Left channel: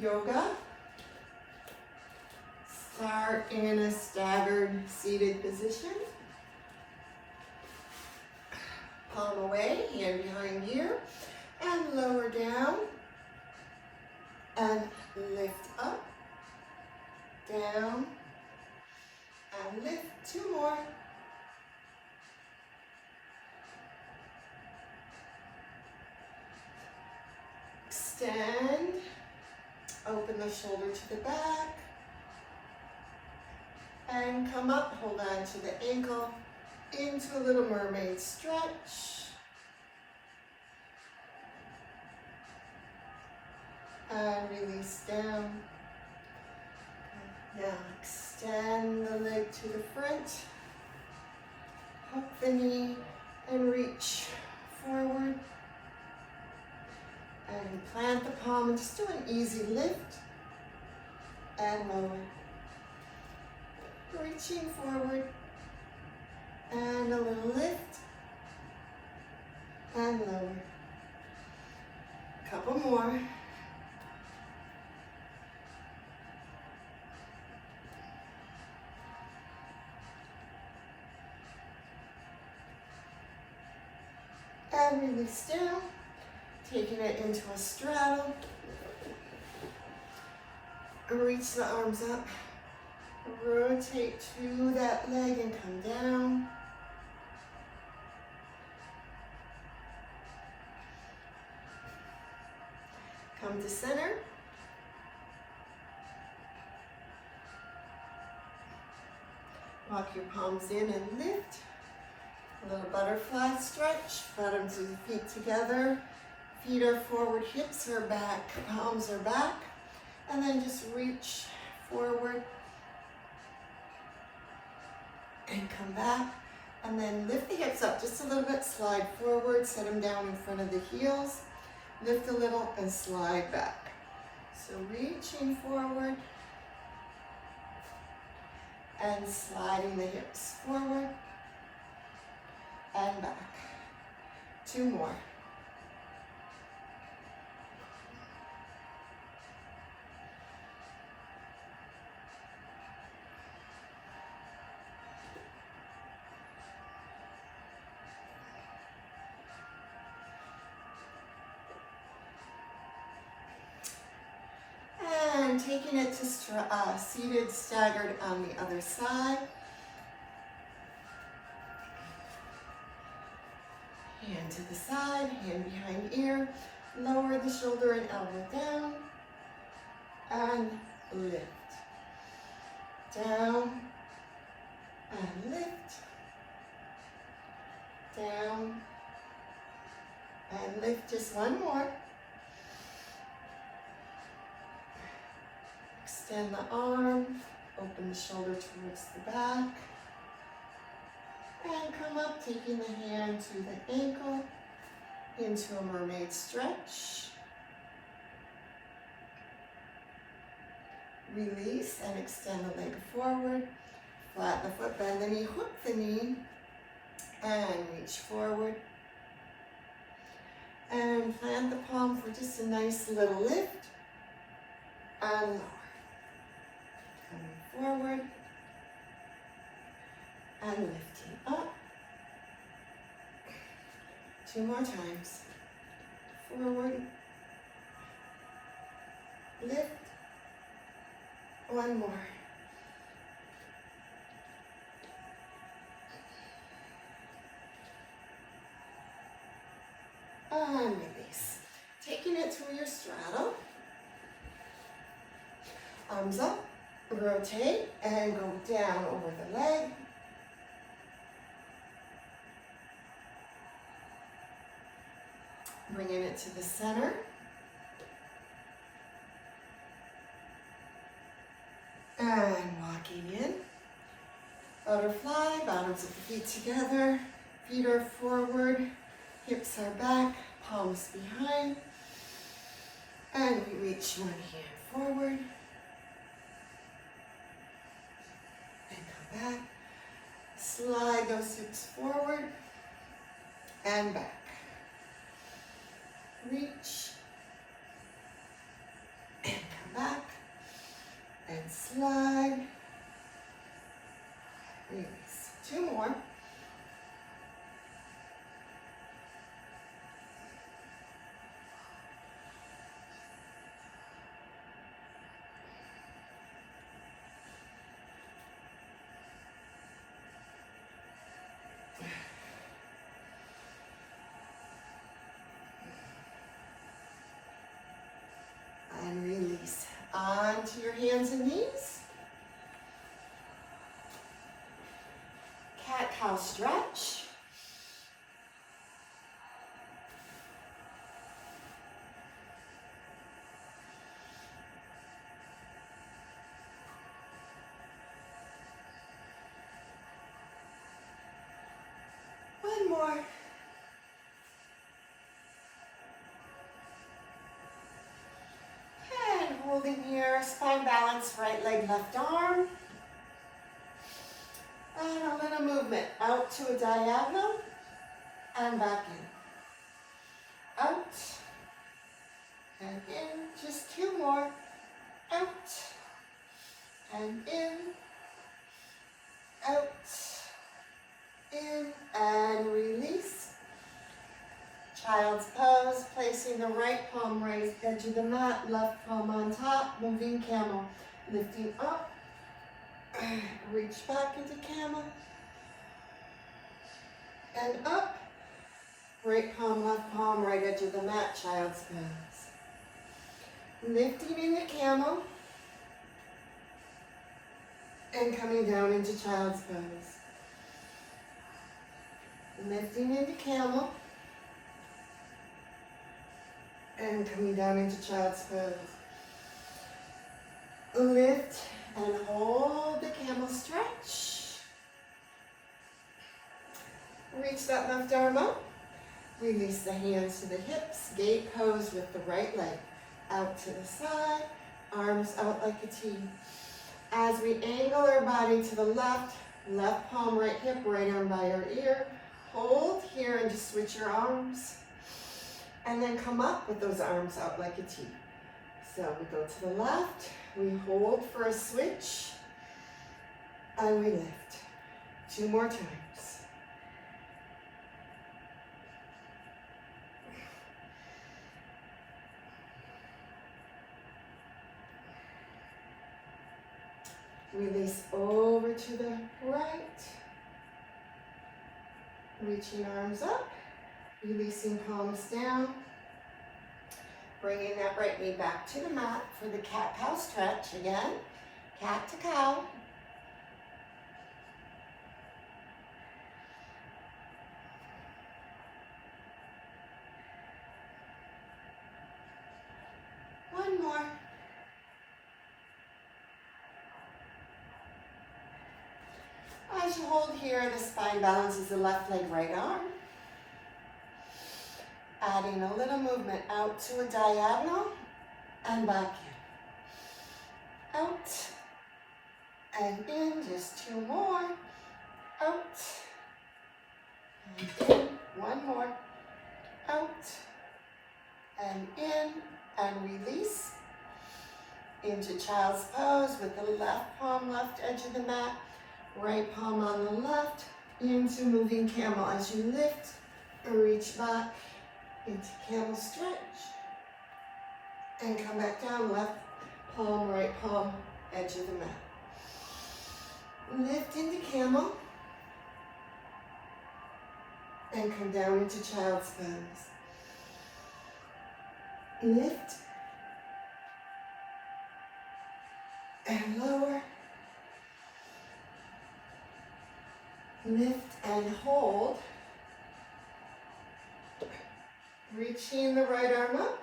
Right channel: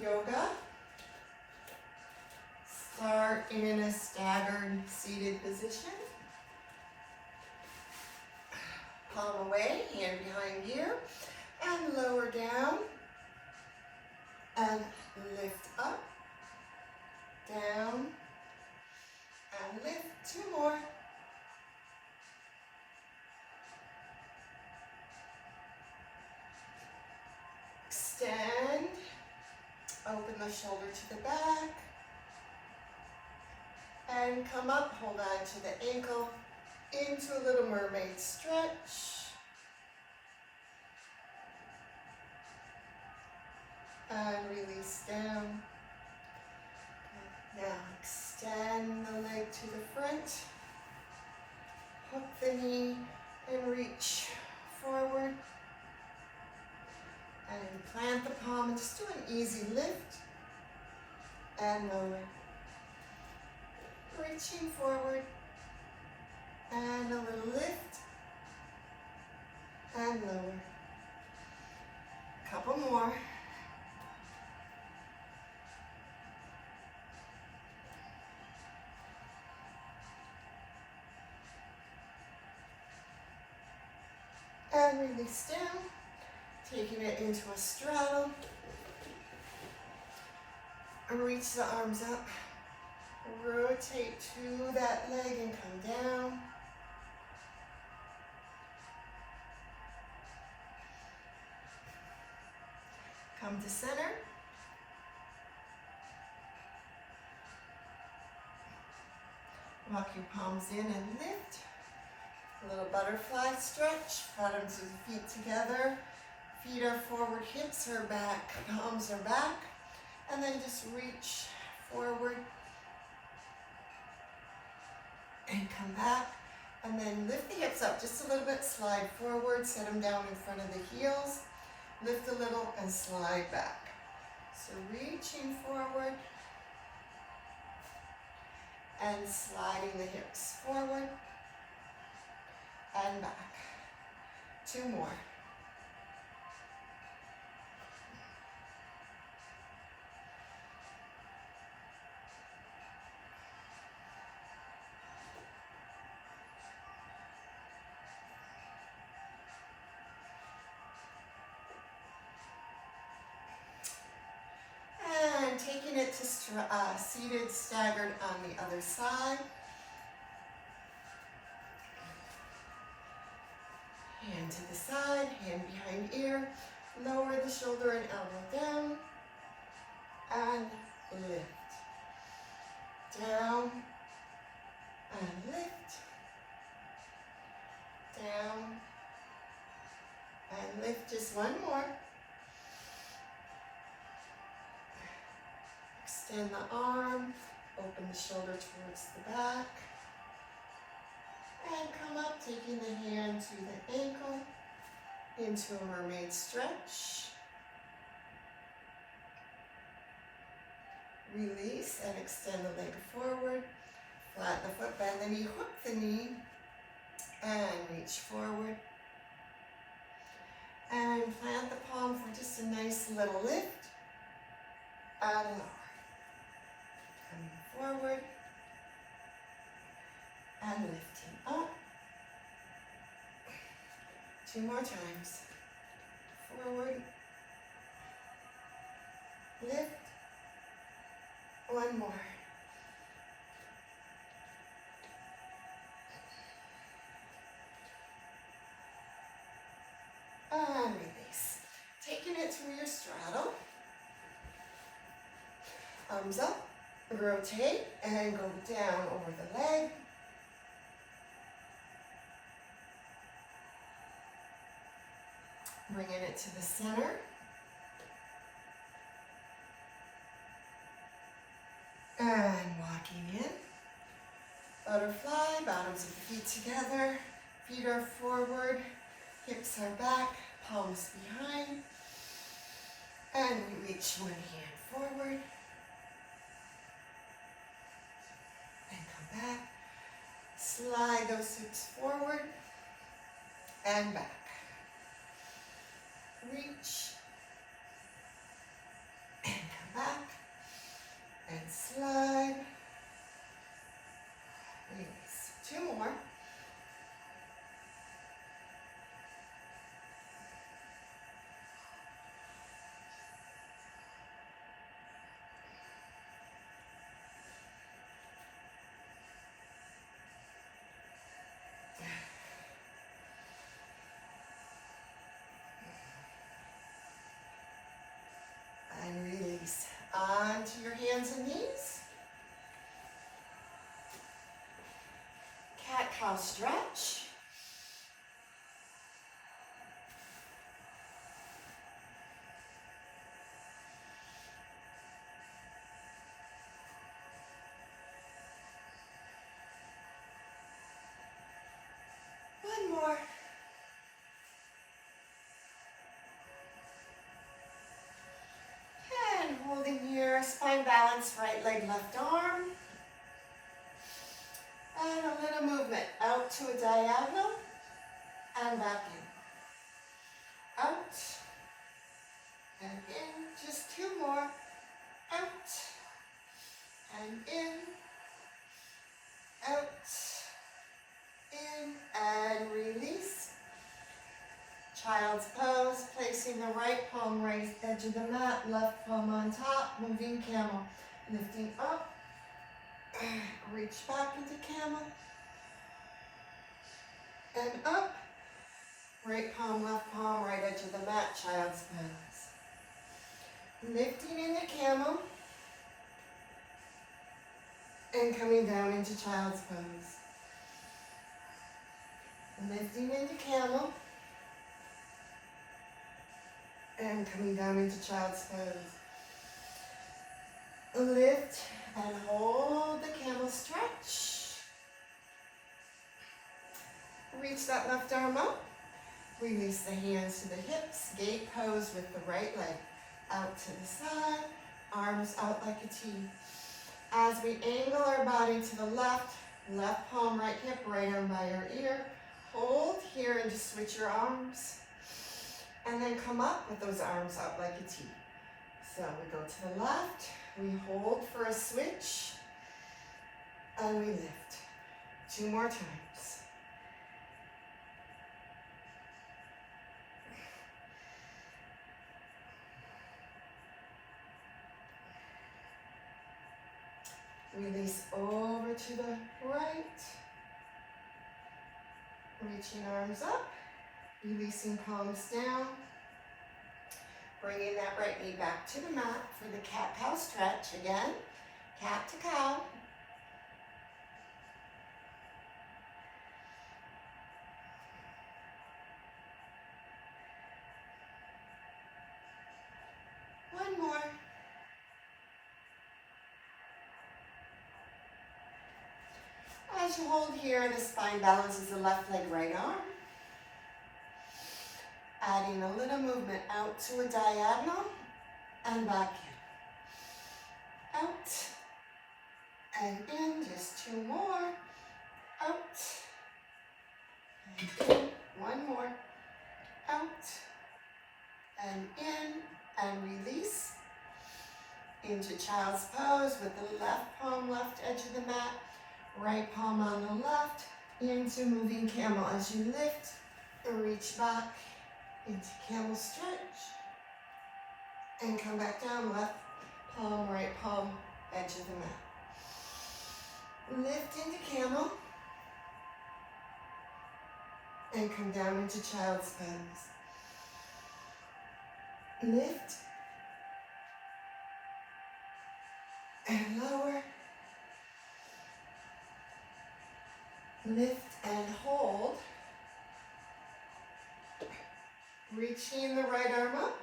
Yoga. Start in a staggered seated position. Palm away, hand behind ear, and lower down, and lift up, down, and lift. 2 more. Extend, open the shoulder to the back, and come up, hold on to the ankle, into a little mermaid stretch. And release down. Now extend the leg to the front, hook the knee, and reach forward. And plant the palm and just do an easy lift and lower. Reaching forward and a little lift and lower. Couple more. And release down, taking it into a straddle. Reach the arms up. Rotate to that leg and come down. Come to center. Walk your palms in and lift. A little butterfly stretch. Bottoms of the feet together. Feet are forward, hips are back, palms are back. And then just reach forward. And come back, and then lift the hips up just a little bit, slide forward, set them down in front of the heels, lift a little and slide back. So reaching forward and sliding the hips forward and back. 2 more. And taking it to seated, staggered on the other side. Hand to the side, hand behind ear. Lower the shoulder and elbow down. And lift. Down. And lift. Down. And lift. Just 1 more. Extend the arm, open the shoulder towards the back, and come up, taking the hand to the ankle, into a mermaid stretch. Release and extend the leg forward, flatten the foot, bend the knee, hook the knee, and reach forward. And plant the palm for just a nice little lift, and lower. Coming forward and lifting up. 2 more times. Forward, lift, 1 more. And release. Taking it through your straddle. Arms up. Rotate and go down over the leg. Bringing it to the center. And walking in. Butterfly, bottoms of the feet together. Feet are forward, hips are back, palms behind. And we reach 1 hand forward. Back, Slide those hips forward and back. Reach and come back and slide. Release. 2 more. And release. Onto your hands and knees. Cat-cow stretch. One more. And holding here, spine balance, right leg, left arm. And a little movement out to a diagonal and back in. Out and in. Just 2 more. Out and in. Out, in, and release. Child's pose, placing the right palm raised edge of the mat, left palm on top, moving camel. Lifting up, reach back into camel, and up. Right palm, left palm, right edge of the mat, child's pose. Lifting into camel, and coming down into child's pose. Lifting into camel, and coming down into child's pose. Lift and hold the camel stretch. Reach that left arm up. Release the hands to the hips. Gate pose with the right leg. Out to the side. Arms out like a T. As we angle our body to the left, left palm, right hip, right arm by our ear. Hold here and just switch your arms. And then come up with those arms out like a T. So we go to the left, we hold for a switch, and we lift. 2 more times. Release over to the right. Reaching arms up. Releasing palms down. Bringing that right knee back to the mat for the cat-cow stretch again. Cat to cow. One more. As you hold here, the spine balances the left leg, right arm. Adding a little movement out to a diagonal and back in. Out and in, just 2 more. Out and in, 1 more. Out and in, and release. Into child's pose with the left palm, left edge of the mat. Right palm on the left, into moving camel. As you lift, reach back into camel stretch, and come back down, left palm, right palm, edge of the mat. Lift into camel, and come down into child's pose. Lift, and lower. Lift and hold. Reaching the right arm up.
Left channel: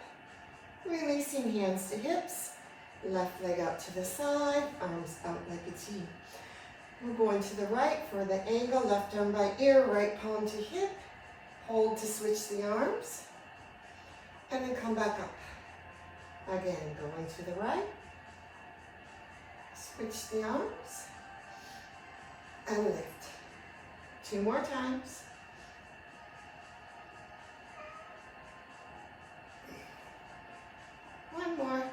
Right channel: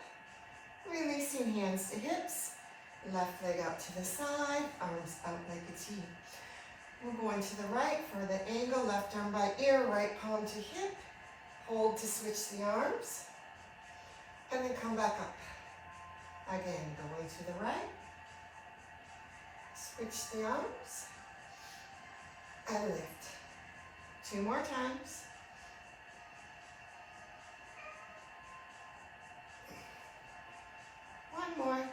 Releasing hands to hips. Left leg out to the side. Arms out like a T. We're going to the right for the angle. Left arm by ear. Right palm to hip. Hold to switch the arms. And then come back up. Again, going to the right. Switch the arms. And lift. 2 more times. One more.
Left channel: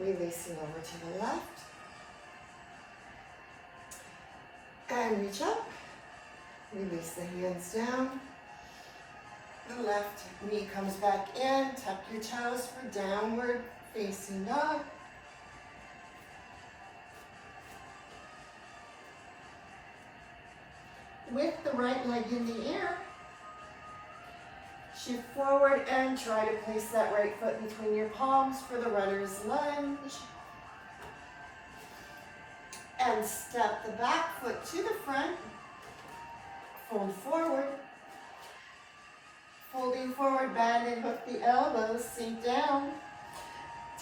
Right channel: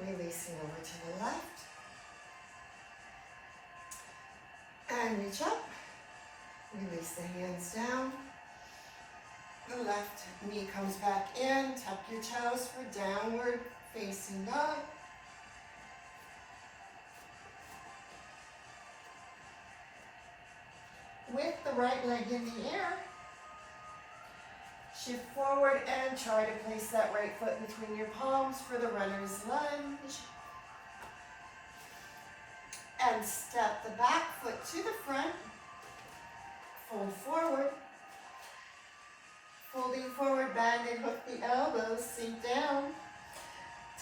Releasing over to the left. And reach up. Release the hands down. The left knee comes back in. Tuck your toes for downward facing dog. With the right leg in the air, shift forward and try to place that right foot between your palms for the runner's lunge. And step the back foot to the front. Fold forward. Folding forward, bend and hook the elbows, sink down.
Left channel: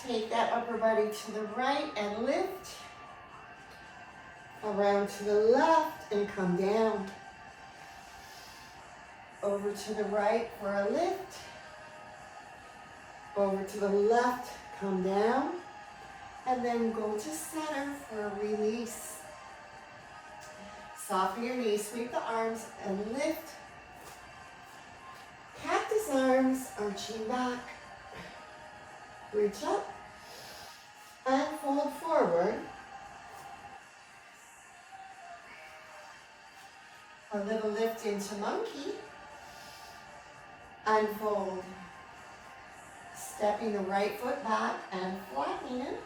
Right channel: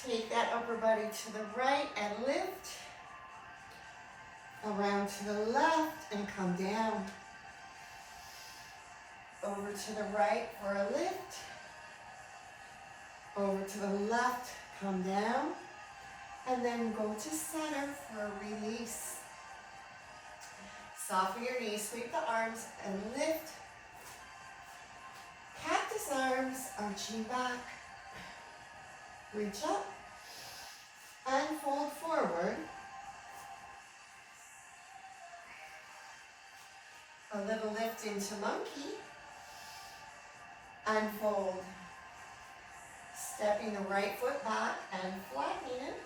Take that upper body to the right and lift. Around to the left and come down. Over to the right for a lift. Over to the left, come down. And then go to center for a release. Soften your knees, sweep the arms and lift. Cactus arms, arching back. Reach up and fold forward. A little lift into monkey. Unfold. Stepping the right foot back and flattening it.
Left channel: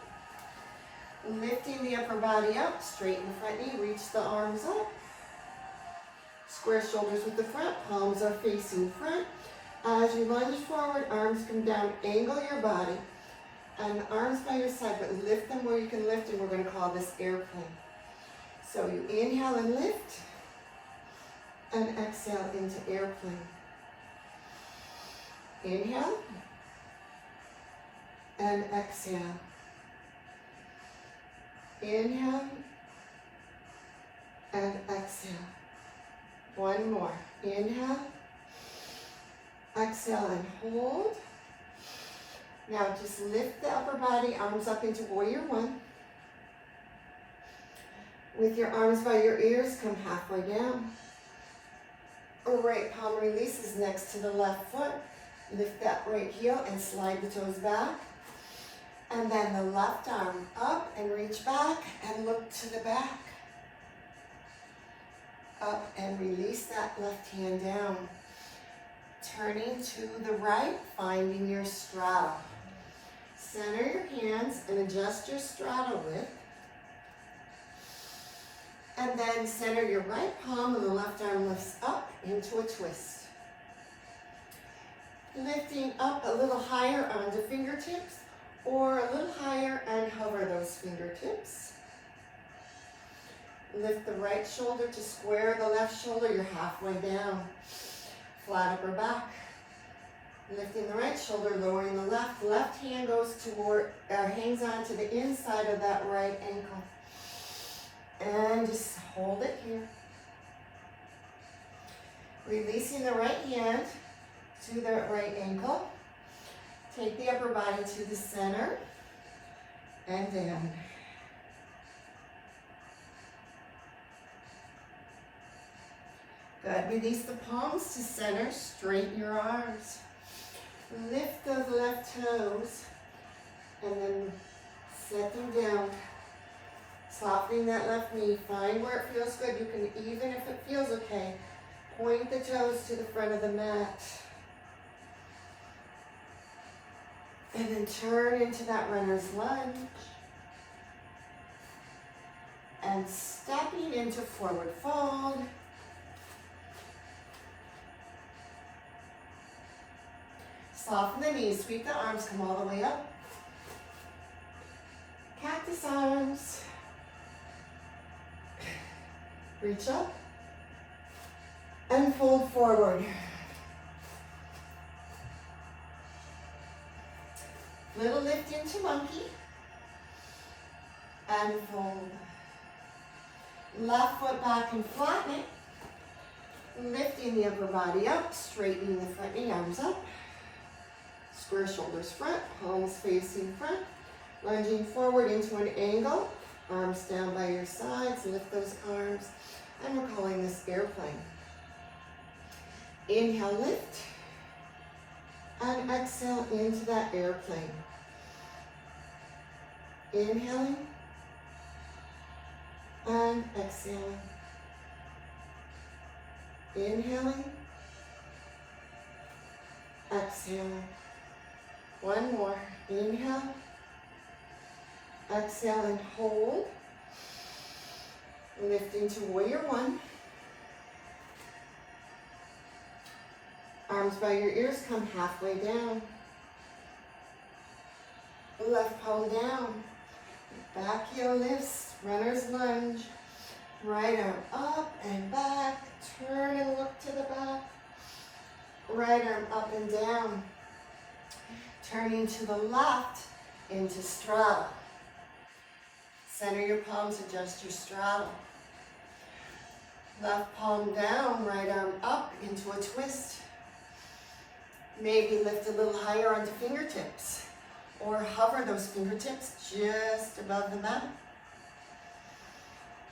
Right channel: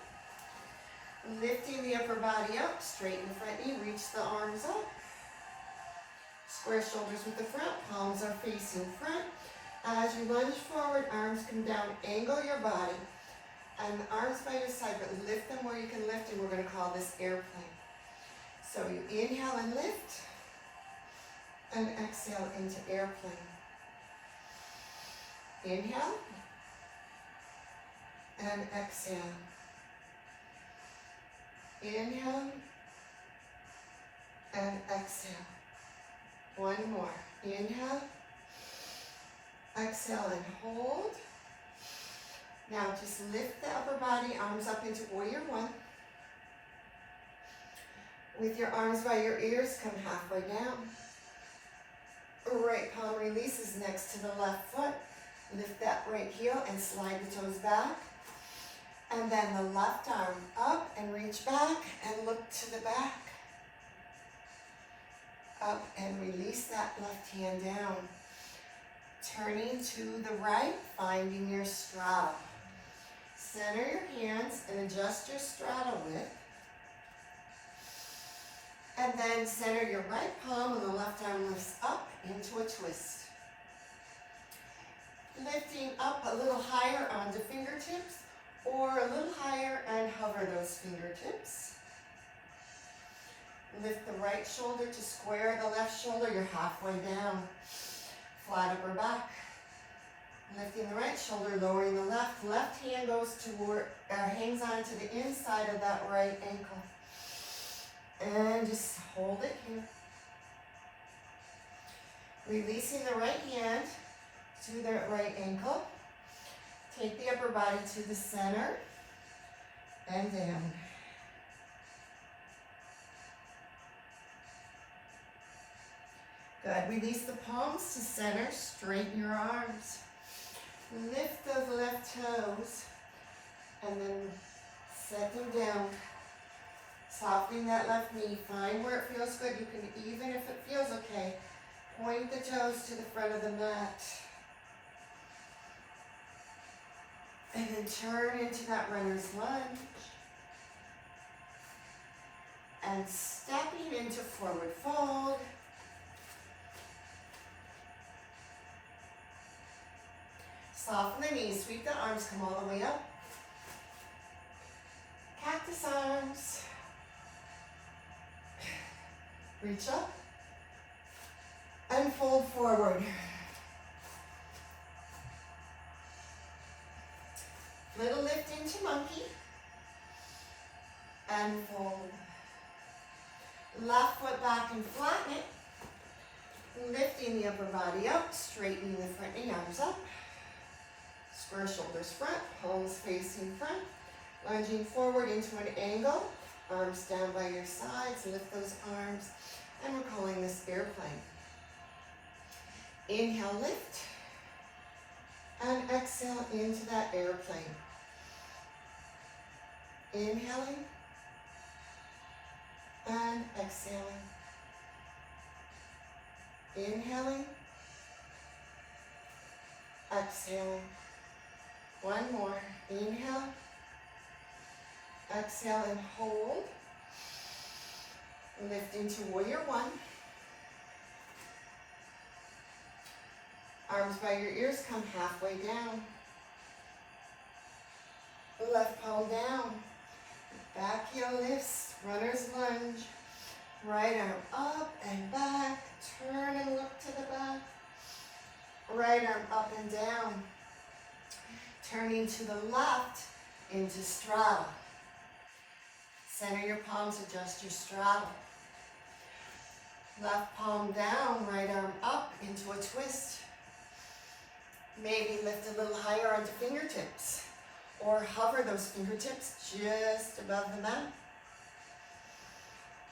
Lifting the upper body up, straighten the front knee, reach the arms up. Square shoulders with the front, palms are facing front. As you lunge forward, arms come down, angle your body. And arms by your side, but lift them where you can lift, and we're going to call this airplane. So you inhale and lift, and exhale into airplane. Inhale, and exhale. Inhale, and exhale. One more. Inhale, exhale, and hold. Now just lift the upper body, arms up into warrior one. With your arms by your ears, come halfway down. Right palm releases next to the left foot. Lift that right heel and slide the toes back. And then the left arm up and reach back and look to the back. Up and release that left hand down. Turning to the right, finding your straddle. Center your hands and adjust your straddle width. And then center your right palm and the left arm lifts up into a twist. Lifting up a little higher onto fingertips or a little higher and hover those fingertips. Lift the right shoulder to square the left shoulder. You're halfway down. Flat upper back. Lifting the right shoulder, lowering the left. Left hand goes toward, hangs on to the inside of that right ankle. And just hold it here. Releasing the right hand to the right ankle. Take the upper body to the center and down. Good. Release the palms to center. Straighten your arms. Lift those left toes and then set them down. Softening that left knee. Find where it feels good. You can, even if it feels okay, point the toes to the front of the mat. And then turn into that runner's lunge. And stepping into forward fold. Soften the knees, sweep the arms, come all the way up. Cactus arms. Reach up. And fold forward. Little lift into monkey. And fold. Left foot back and flatten it. Lifting the upper body up, straightening the front knee, arms up. Square shoulders front, palms facing front. Lunging forward into an angle. Arms down by your sides, lift those arms, and we're calling this airplane. Inhale, lift, and exhale into that airplane. Inhaling, and exhaling. Inhaling, exhaling. One more. Inhale, exhale and hold. Lift into warrior one. Arms by your ears, come halfway down. Left palm down. Back heel lifts, runner's lunge. Right arm up and back. Turn and look to the back. Right arm up and down. Turning to the left into straddle. Center your palms, adjust your straddle. Left palm down, right arm up into a twist. Maybe lift a little higher onto fingertips or hover those fingertips just above the mat.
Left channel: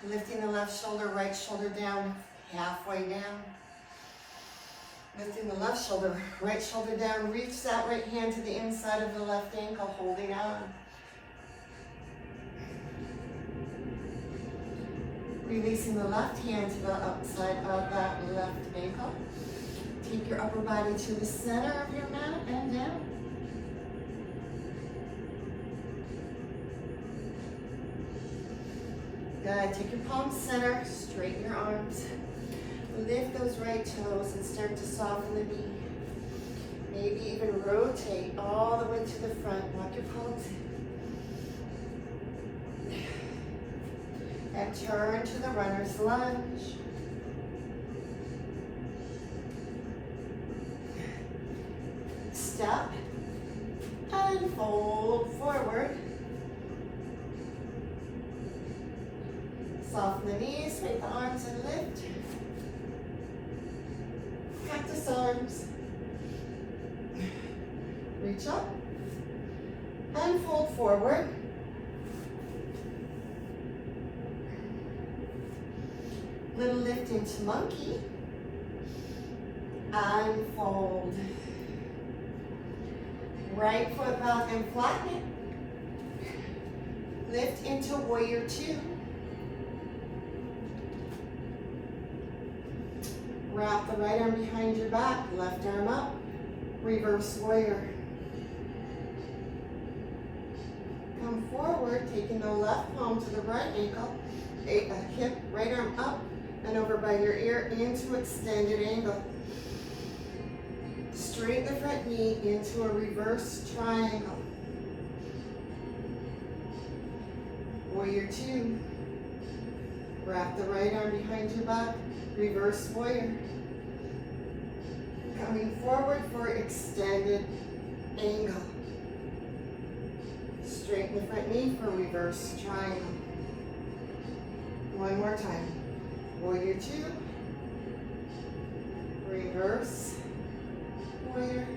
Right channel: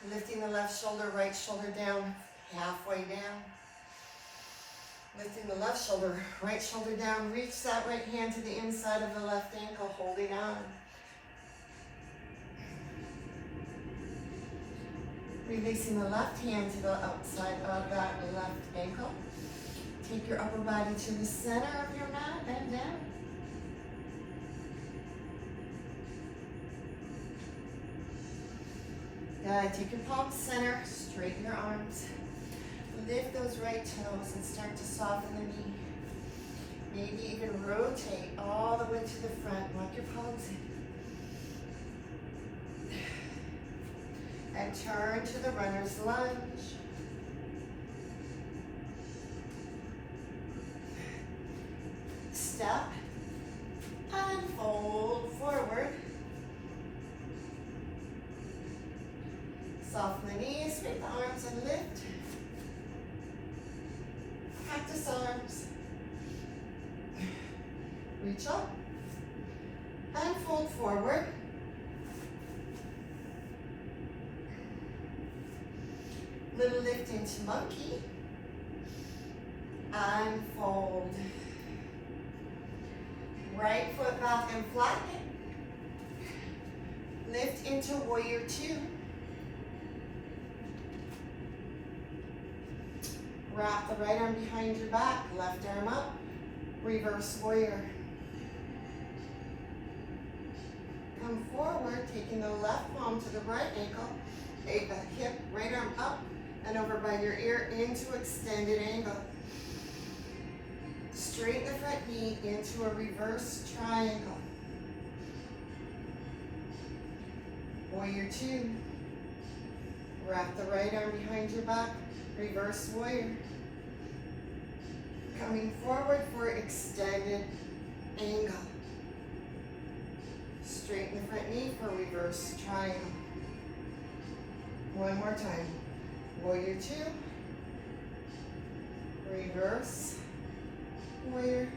Lifting the left shoulder, right shoulder down, halfway down. Lifting the left shoulder, right shoulder down. Reach that right hand to the inside of the left ankle, holding on. Releasing the left hand to the outside of that left ankle. Take your upper body to the center of your mat and down. Good. Take your palms center, straighten your arms. Lift those right toes and start to soften the knee. Maybe even rotate all the way to the front. Walk your palms in. And turn to the runner's lunge. Step and fold forward. Soften the knees, sweep the arms and lift. Cactus arms. Reach up and fold forward. Little lift into monkey and fold. Right foot back and flatten it. Lift into warrior two. Wrap the right arm behind your back, left arm up, reverse warrior. Come forward, taking the left palm to the right ankle, hip, right arm up, and over by your ear into extended angle. Straighten the front knee into a reverse triangle. Warrior two. Wrap the right arm behind your back, reverse warrior. Coming forward for extended angle. Straighten the front knee for reverse triangle. One more time. Warrior two. Reverse warrior.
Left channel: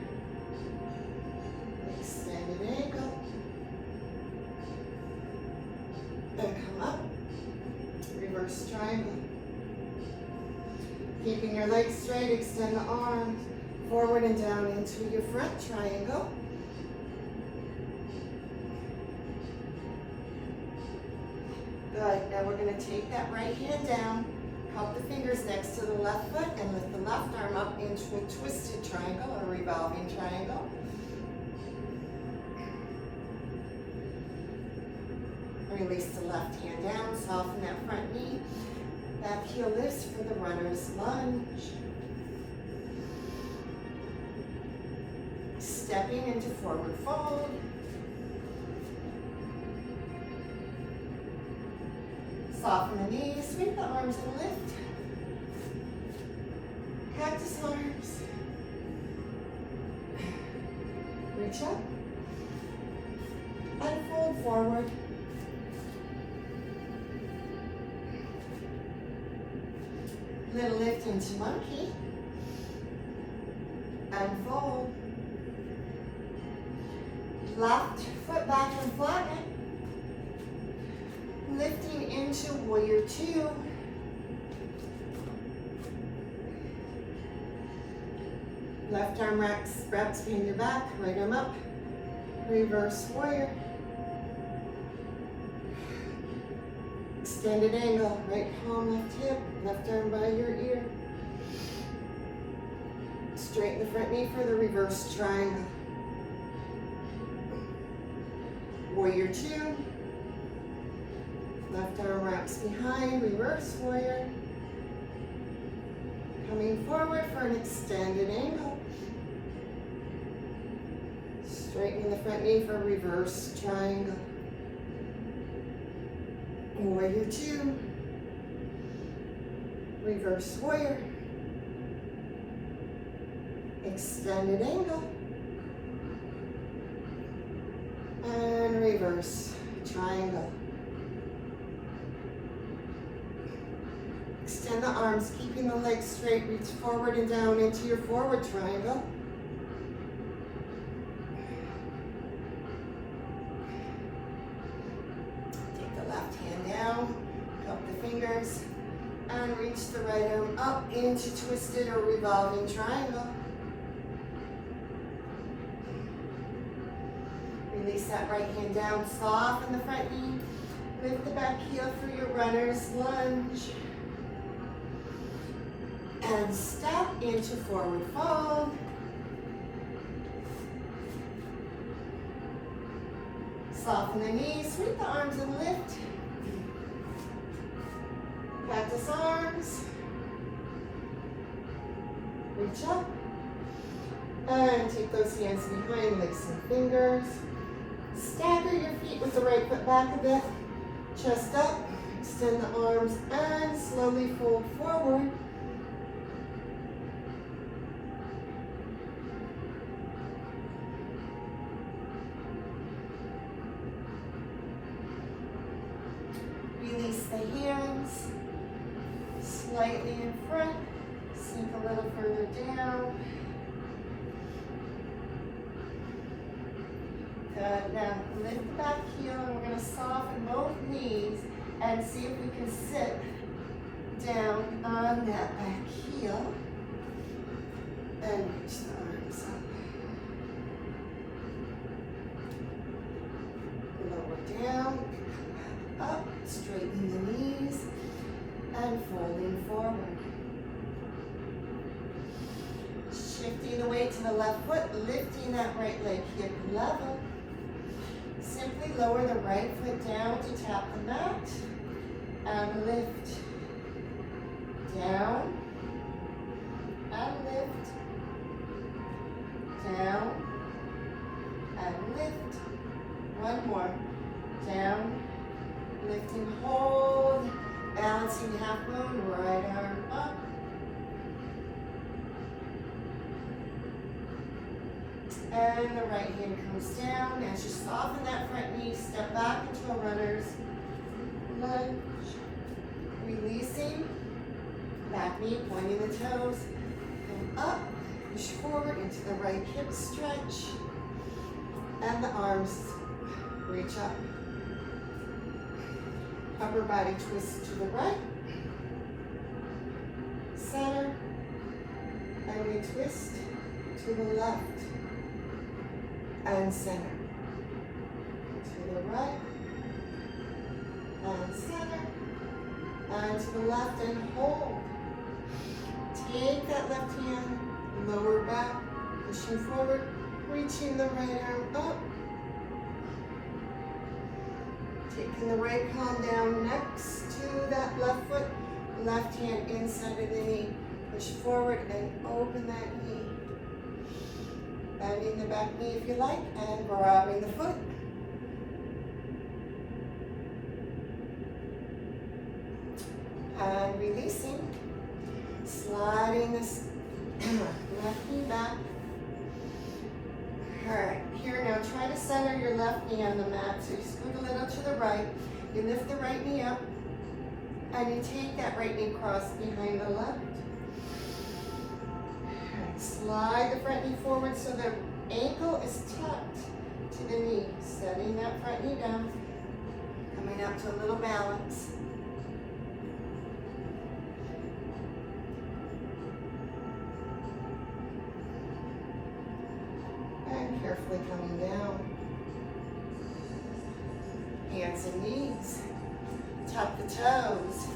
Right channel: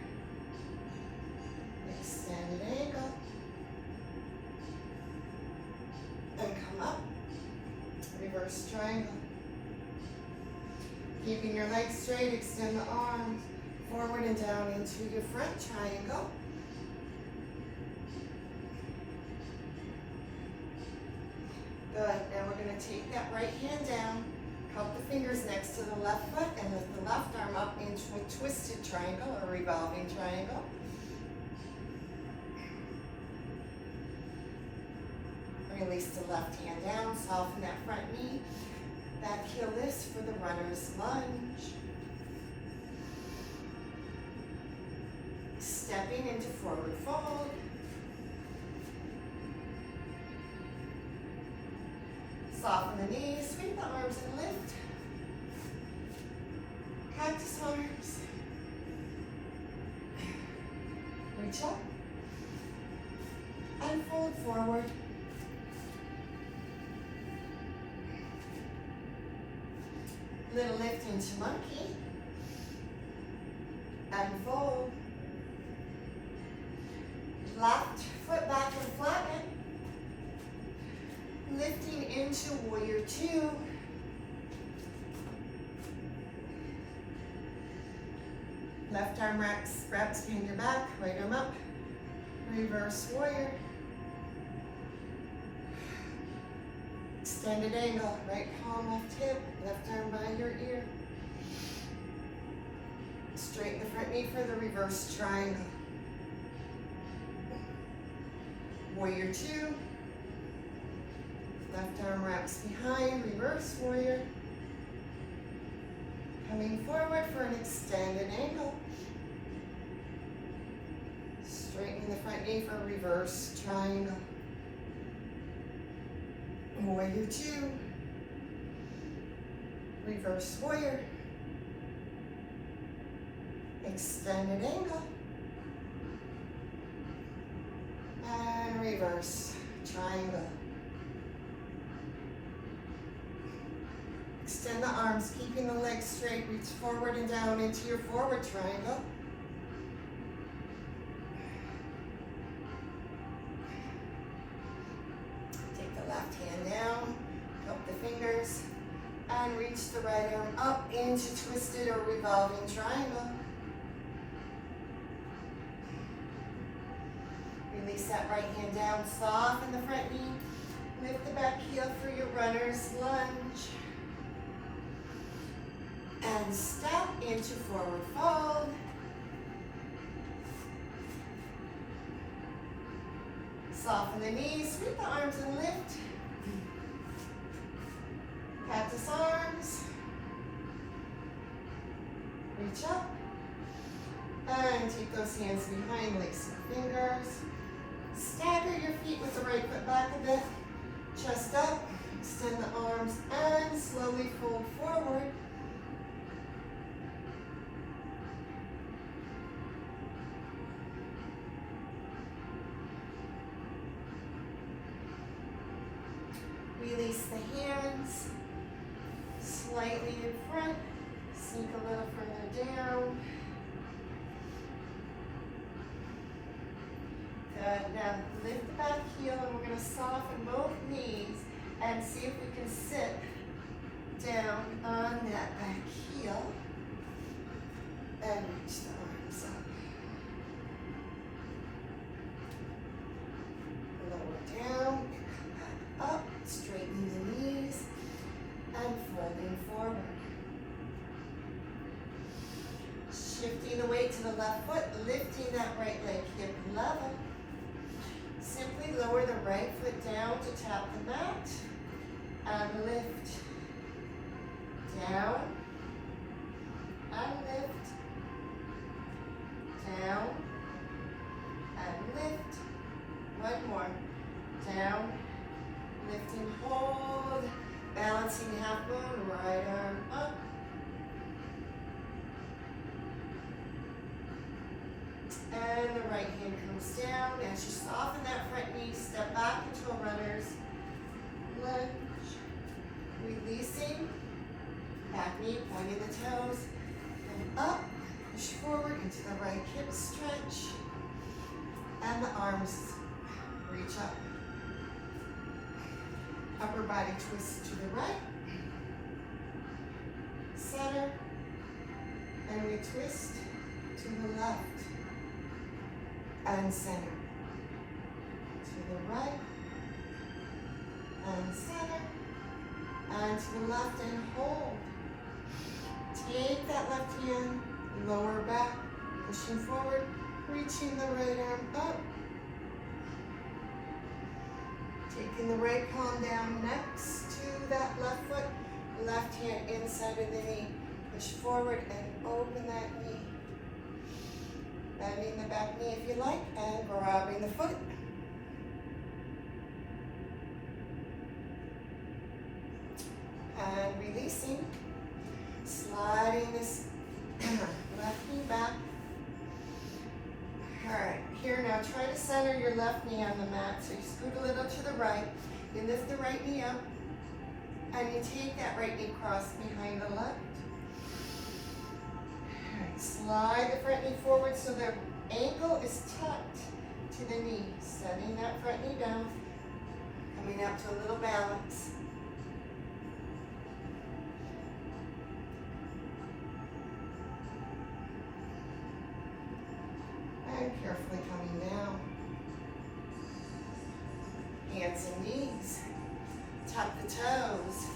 Extended angle. And come up. Reverse triangle. Keeping your legs straight, extend the arms forward and down into your front triangle. Good. Now we're going to take that right hand down, cup the fingers next to the left foot, and lift the left arm up into a twisted triangle or revolving triangle. Release the left hand down, soften that front knee. Back heel lifts for the runner's lunge. Stepping into forward fold. Soften the knees, sweep the arms and lift. Cactus arms. Reach up. And fold forward. Little lift into monkey. And fold. Left foot back and flatten it. Lift Coming into warrior two. Left arm wraps behind your back, right arm up. Reverse warrior. Extended angle, right palm, left hip, left arm by your ear. Straighten the front knee for the reverse triangle. Warrior two. Left arm wraps behind, reverse warrior. Coming forward for an extended angle. Straightening the front knee for reverse triangle. Warrior two. Reverse warrior. Extended angle. And reverse triangle. Extend the arms, keeping the legs straight. Reach forward and down into your forward triangle. Take the left hand down, cup the fingers, and reach the right arm up into twisted or revolving triangle. Release that right hand down, soften the front knee, lift the back heel for your runner's lunge. And step into forward fold. Soften the knees, sweep the arms and lift. Cactus arms. Reach up. And take those hands behind, like some fingers. Stagger your feet with the right foot back a bit. Chest up, extend the arms, and slowly fold forward. Release the hands, slightly in front, sink a little further down. Good, now lift the back heel and we're gonna soften both knees and see if we can sit down on that back heel and reach the arms up. Lower down, come back up, straightening the knees and folding forward. Shifting the weight to the left foot, lifting that right leg hip level. Simply lower the right foot down to tap the mat and lift. Down and lift. Down and lift. One more. Down, lifting, hold, balancing half moon, right arm up. And the right hand comes down. As you soften that front knee, step back into a runner's lunge. Releasing, back knee, pointing the toes. Come up, push forward into the right hip stretch. And the arms reach up. Upper body twist to the right. Center. And we twist to the left. And center. To the right. And center. And to the left and hold. Take that left hand, lower back, pushing forward, reaching the right arm up. Taking the right palm down next to that left foot, left hand inside of the knee. Push forward and open that knee. Bending the back knee if you like, and grabbing the foot. And releasing. Sliding this left knee back. Alright, here now try to center your left knee on the mat. So you scoot a little to the right. You lift the right knee up. And you take that right knee cross behind the left. Alright, slide the front knee forward so the ankle is tucked to the knee. Setting that front knee down. Come Coming up to a little balance. And carefully coming down. Hands and knees. Tuck the toes.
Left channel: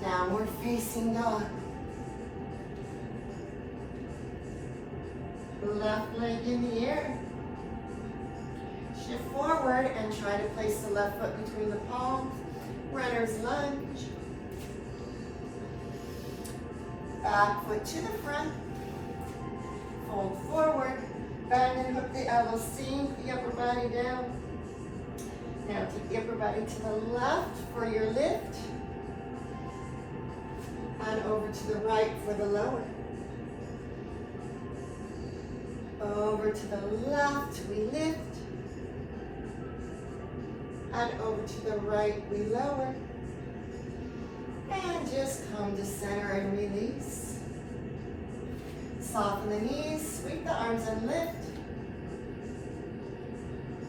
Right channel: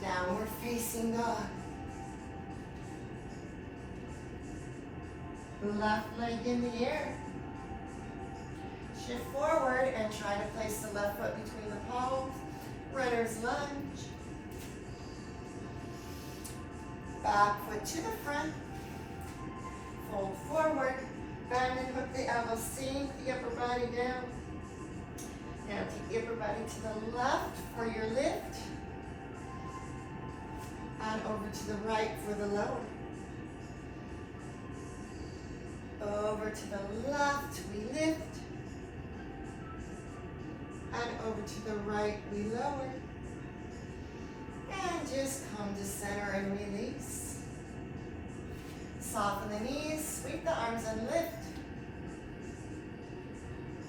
Downward facing dog. Left leg in the air. Shift forward and try to place the left foot between the palms. Runner's lunge. Back foot to the front. Fold forward. Bend and hook the elbows. Sink the upper body down. Now take the upper body to the left for your lift. And over to the right for the lower. Over to the left, we lift. And over to the right, we lower. And just come to center and release. Soften the knees, sweep the arms and lift.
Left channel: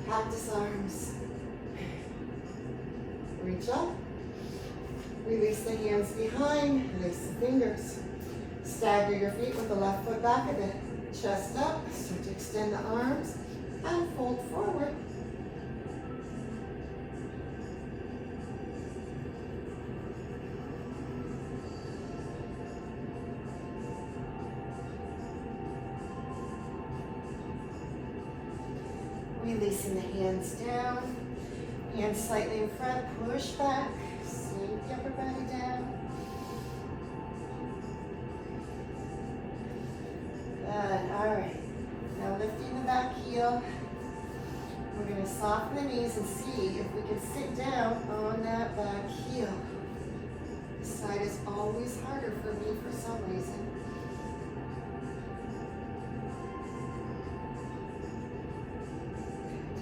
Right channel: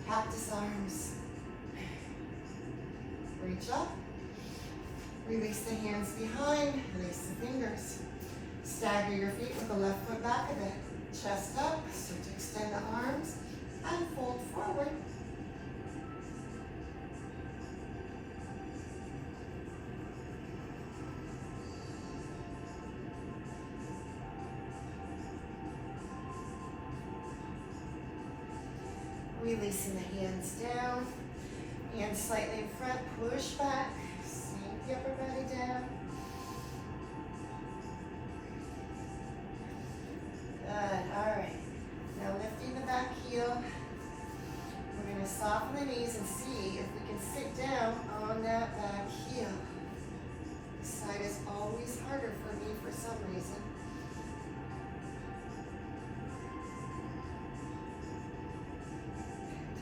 Cactus arms. Reach up. Release the hands behind, release the fingers. Stagger your feet with the left foot back a bit. Chest up, start to extend the arms and fold forward. Releasing the hands down, hands slightly in front, push back, sink the upper body down. Good, all right. Now lifting the back heel. We're gonna soften the knees and see if we can sit down on that back heel. This side is always harder for me for some reason.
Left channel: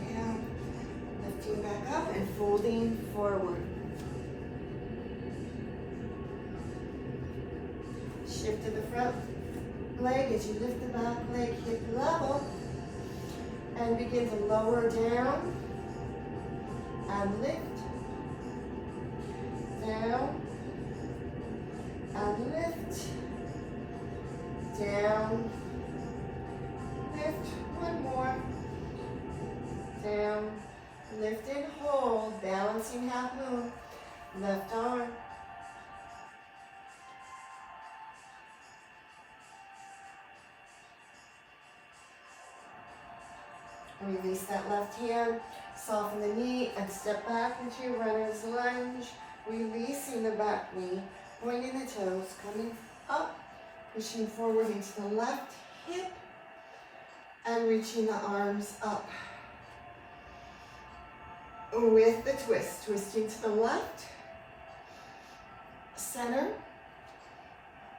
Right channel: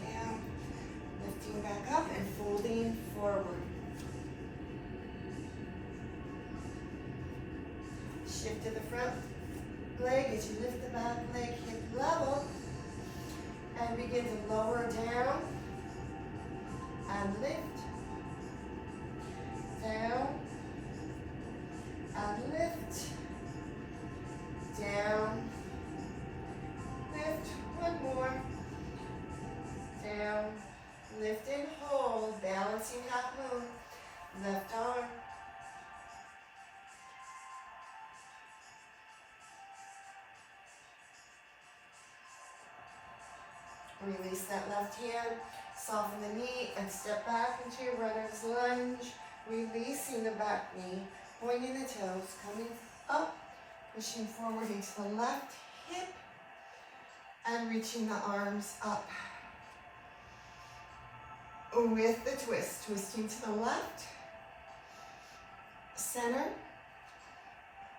Down, lifting back up and folding forward. Shift to the front leg as you lift the back leg hip level and begin to lower down and lift, down and lift, down, lift, one more, down, lift and hold, balancing half moon, left arm. Release that left hand, soften the knee, and step back into your runner's lunge, releasing the back knee, pointing the toes, coming up, pushing forward into the left hip, and reaching the arms up. With the twist, twisting to the left, center,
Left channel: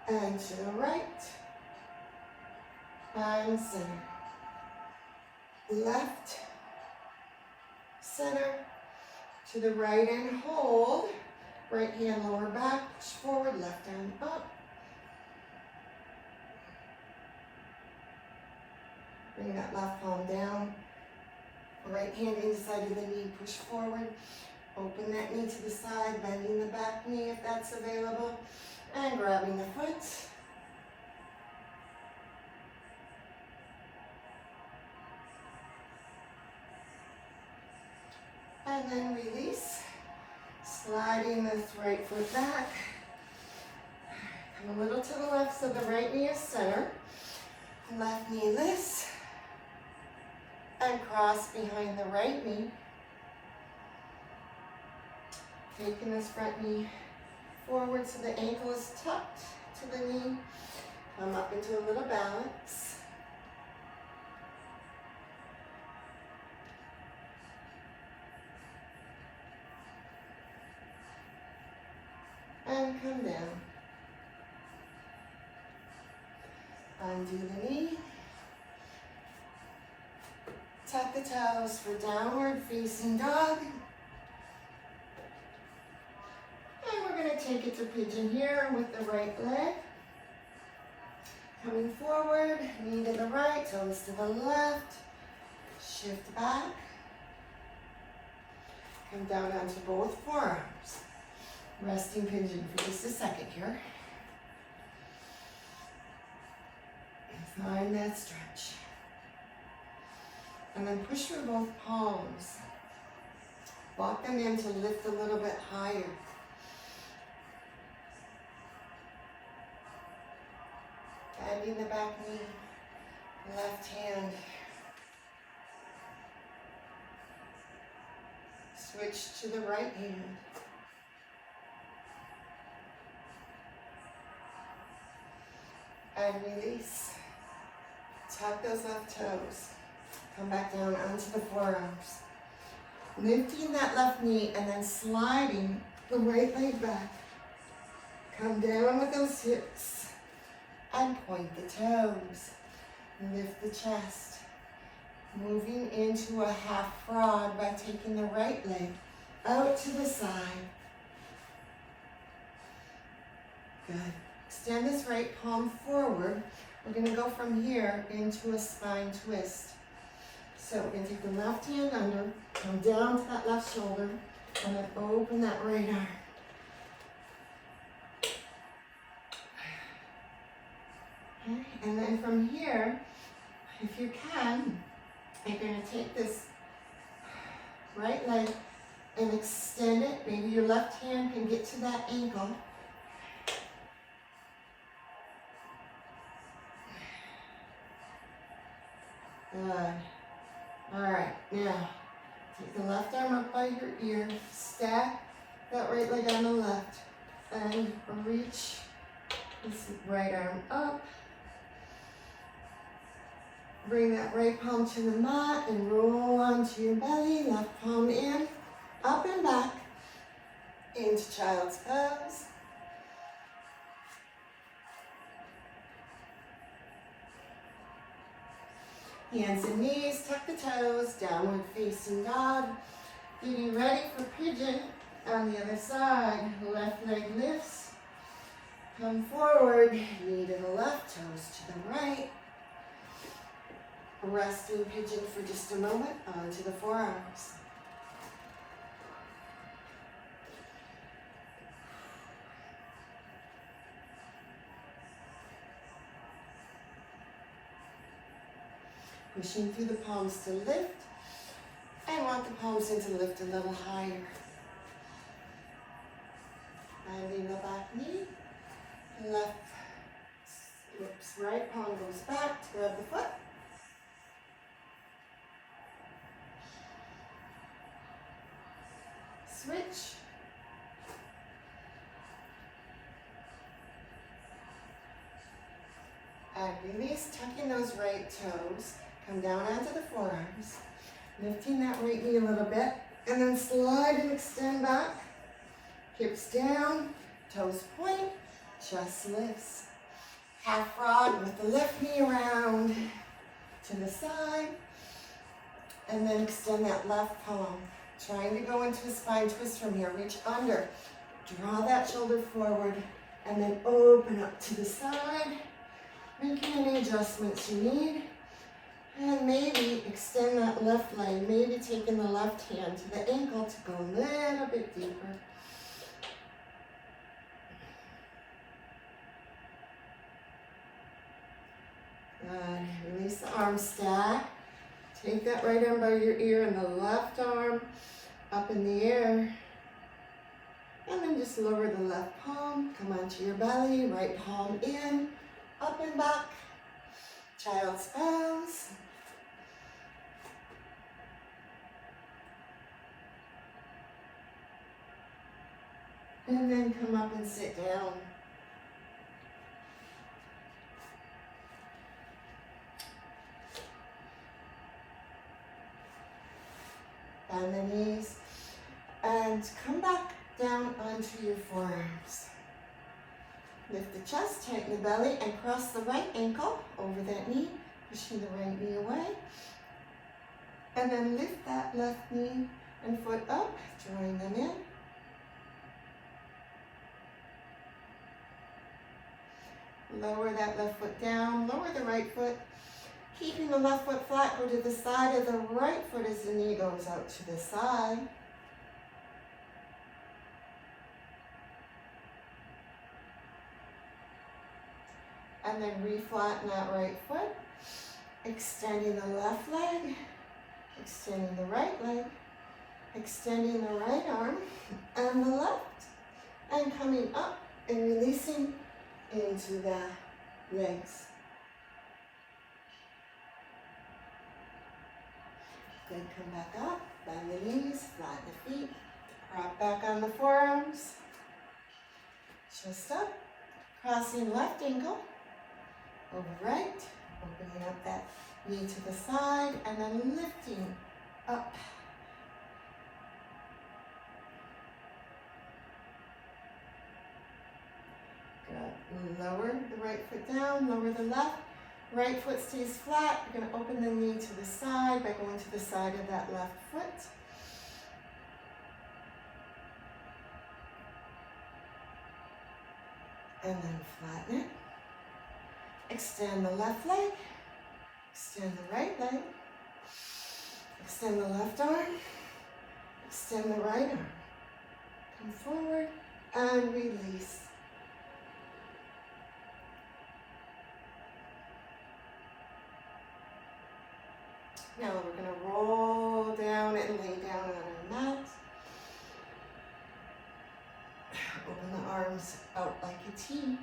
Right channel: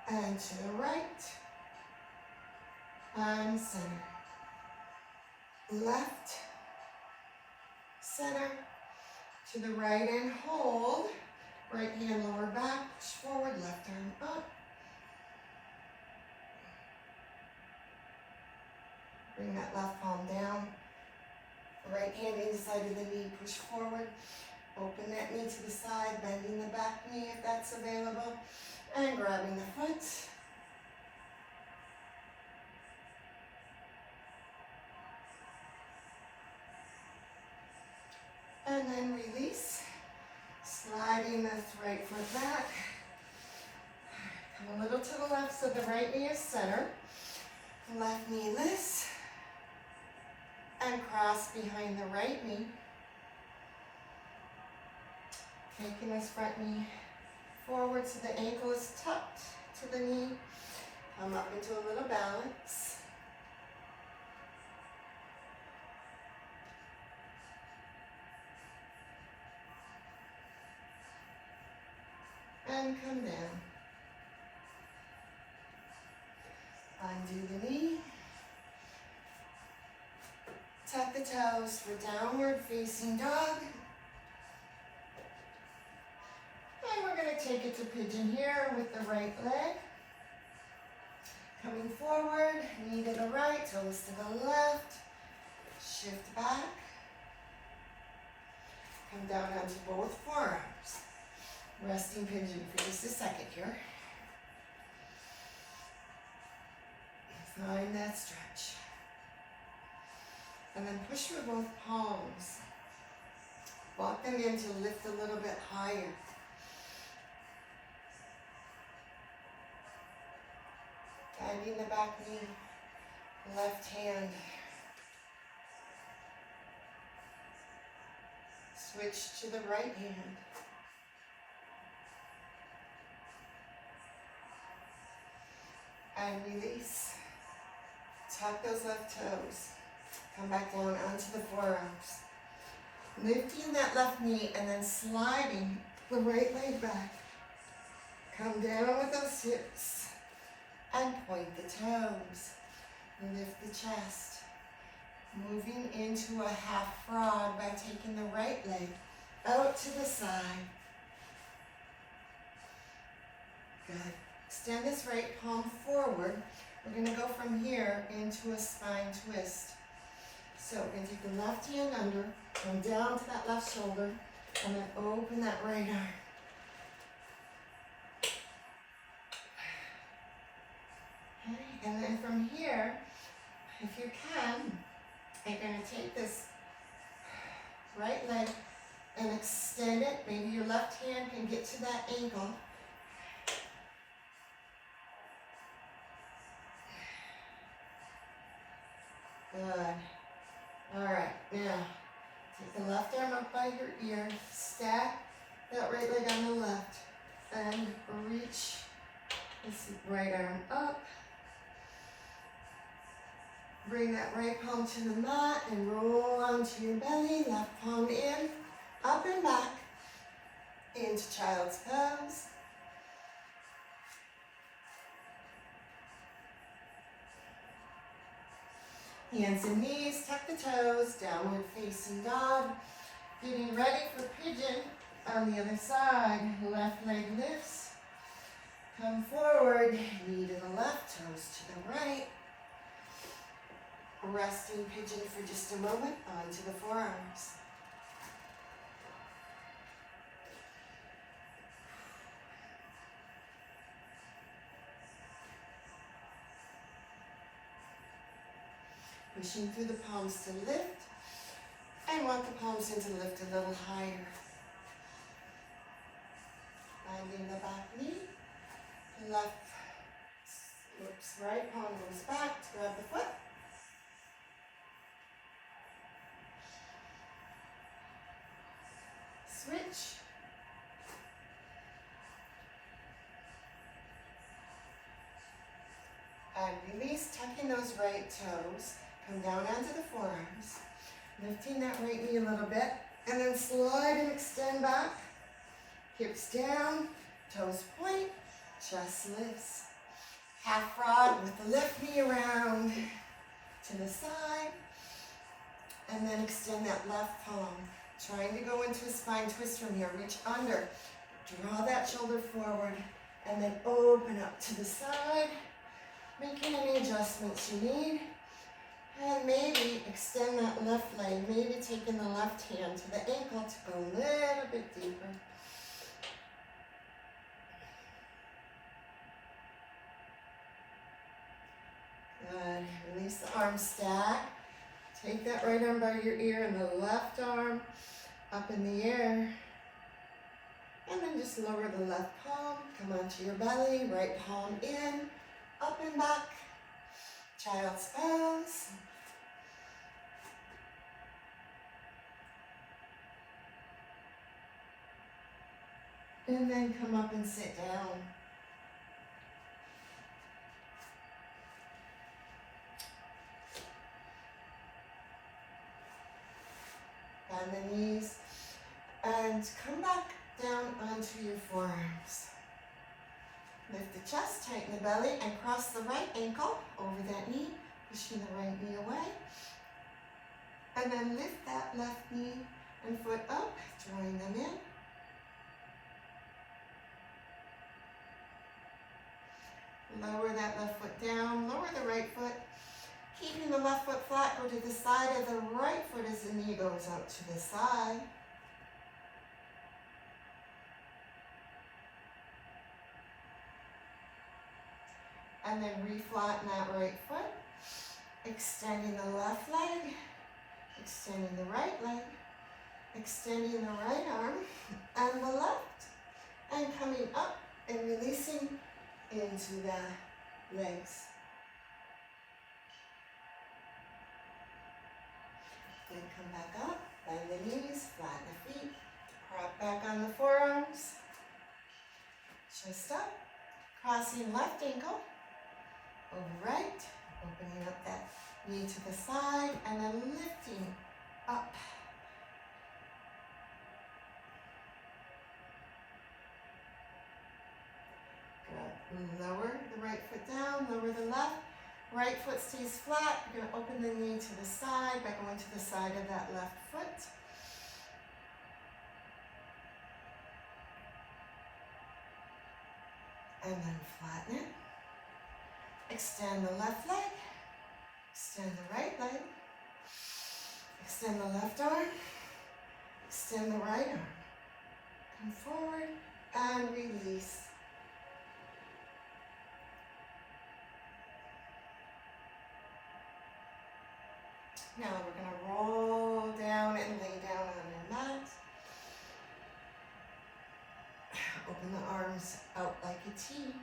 and to the right, and center. Left, center, to the right and hold. Right hand lower back, push forward, left arm up. Bring that left palm down. Right hand inside of the knee, push forward. Open that knee to the side, bending the back knee if that's available, and grabbing the foot. And then release, sliding this right foot back. Come a little to the left so the right knee is center. Left knee lifts and cross behind the right knee. Taking this front knee forward so the ankle is tucked to the knee. Come up into a little balance. And come down. Undo the knee. Tuck the toes for downward facing dog. And we're going to take it to pigeon here with the right leg. Coming forward, knee to the right, toes to the left. Shift back. Come down onto both forearms. Resting pigeon for just a second here. And find that stretch. And then push through both palms. Walk them in to lift a little bit higher. Guiding the back knee, left hand. Switch to the right hand. And release. Tuck those left toes. Come back down onto the forearms. Lifting that left knee and then sliding the right leg back. Come down with those hips and point the toes. Lift the chest. Moving into a half frog by taking the right leg out to the side. Good. Extend this right palm forward. We're going to go from here into a spine twist. So we're going to take the left hand under, come down to that left shoulder, and then open that right arm. Okay. And then from here, if you can, you're going to take this right leg and extend it. Maybe your left hand can get to that ankle. Good. All right, now take the left arm up by your ear, stack that right leg on the left, and reach this right arm up. Bring that right palm to the mat and roll onto your belly, left palm in, up and back, into child's pose. Hands and knees, tuck the toes, downward facing dog. Getting ready for pigeon on the other side. Left leg lifts. Come forward, knee to the left, toes to the right. Resting pigeon for just a moment, onto the forearms. Pushing through the palms to lift. I want the palms in to lift a little higher. Bending the back knee. Left, oops, right palm goes back to grab the foot. Switch. And release, tucking those right toes. Come down onto the forearms. Lifting that right knee a little bit. And then slide and extend back. Hips down, toes point, chest lifts. Half frog with the left knee around to the side. And then extend that left palm. Trying to go into a spine twist from here. Reach under. Draw that shoulder forward. And then open up to the side. Making any adjustments you need. And maybe extend that left leg. Maybe taking the left hand to the ankle to go a little bit deeper. Good. Release the arm stack. Take that right arm by your ear and the left arm up in the air. And then just lower the left palm. Come onto your belly. Right palm in. Up and back. Child's pose. And then come up and sit down. Bend the knees. And come back down onto your forearms. Lift the chest, tighten the belly, and cross the right ankle over that knee, pushing the right knee away. And then lift that left knee and foot up, drawing them in. Lower that left foot down, lower the right foot. Keeping the left foot flat, go to the side of the right foot as the knee goes out to the side. and then reflatten that right foot. Extending the left leg, extending the right leg, extending the right arm and the left, and coming up and releasing into the legs. Then come back up, bend the knees, flatten the feet, prop back on the forearms, chest up, crossing left ankle, over right, opening up that knee to the side, and then lifting up. Good. Lower the right foot down, lower the left. Right foot stays flat. You're going to open the knee to the side by going to the side of that left foot. And then flatten it. Extend the left leg. Extend the right leg. Extend the left arm. Extend the right arm. Come forward and release. Now we're going to roll down and lay down on our mat. Open the arms out like a T. And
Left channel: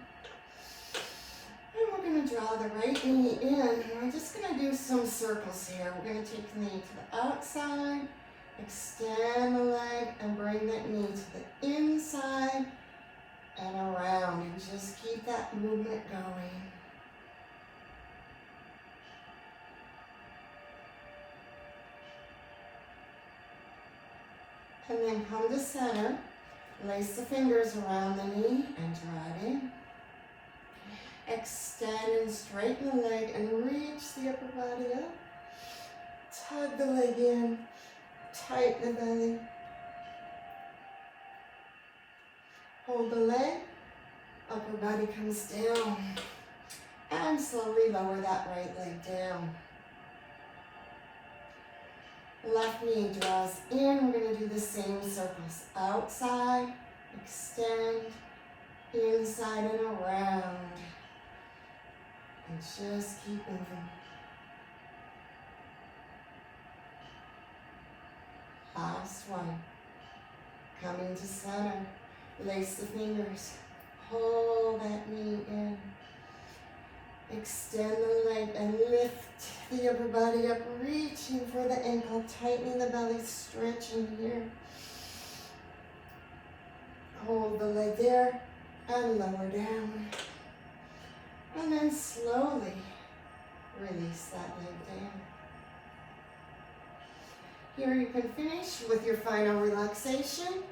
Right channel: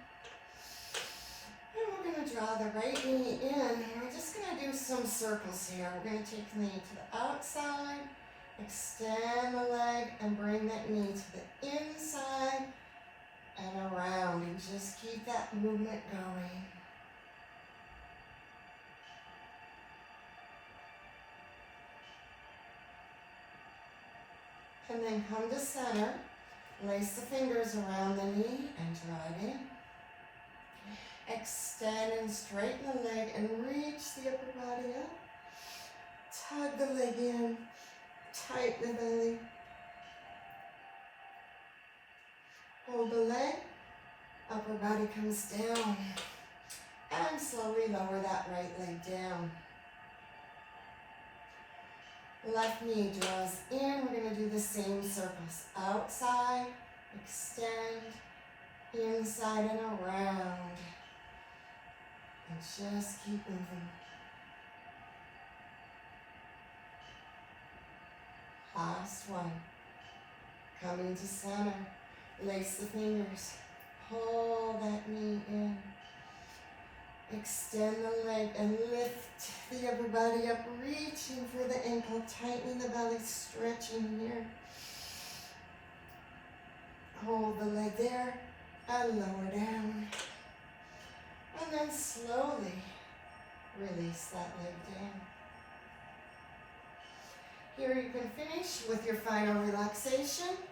we're going to draw the right knee in. And we're just going to do some circles here. We're going to take the knee to the outside, extend the leg, and bring that knee to the inside and around. And just keep that movement going. And then come to center, lace the fingers around the knee and draw it in. Extend and straighten the leg and reach the upper body up. Tug the leg in, tighten the belly. Hold the leg, upper body comes down. And slowly lower that right leg down. Left knee draws in. We're going to do the same circles. Outside, extend, inside and around. And just keep moving. Last one. Coming to center. Lace the fingers. Hold that knee in. Extend the leg and lift the upper body up, reaching for the ankle, tightening the belly, stretching here. Hold the leg there and lower down. And then slowly release that leg down. Here you can finish with your final relaxation.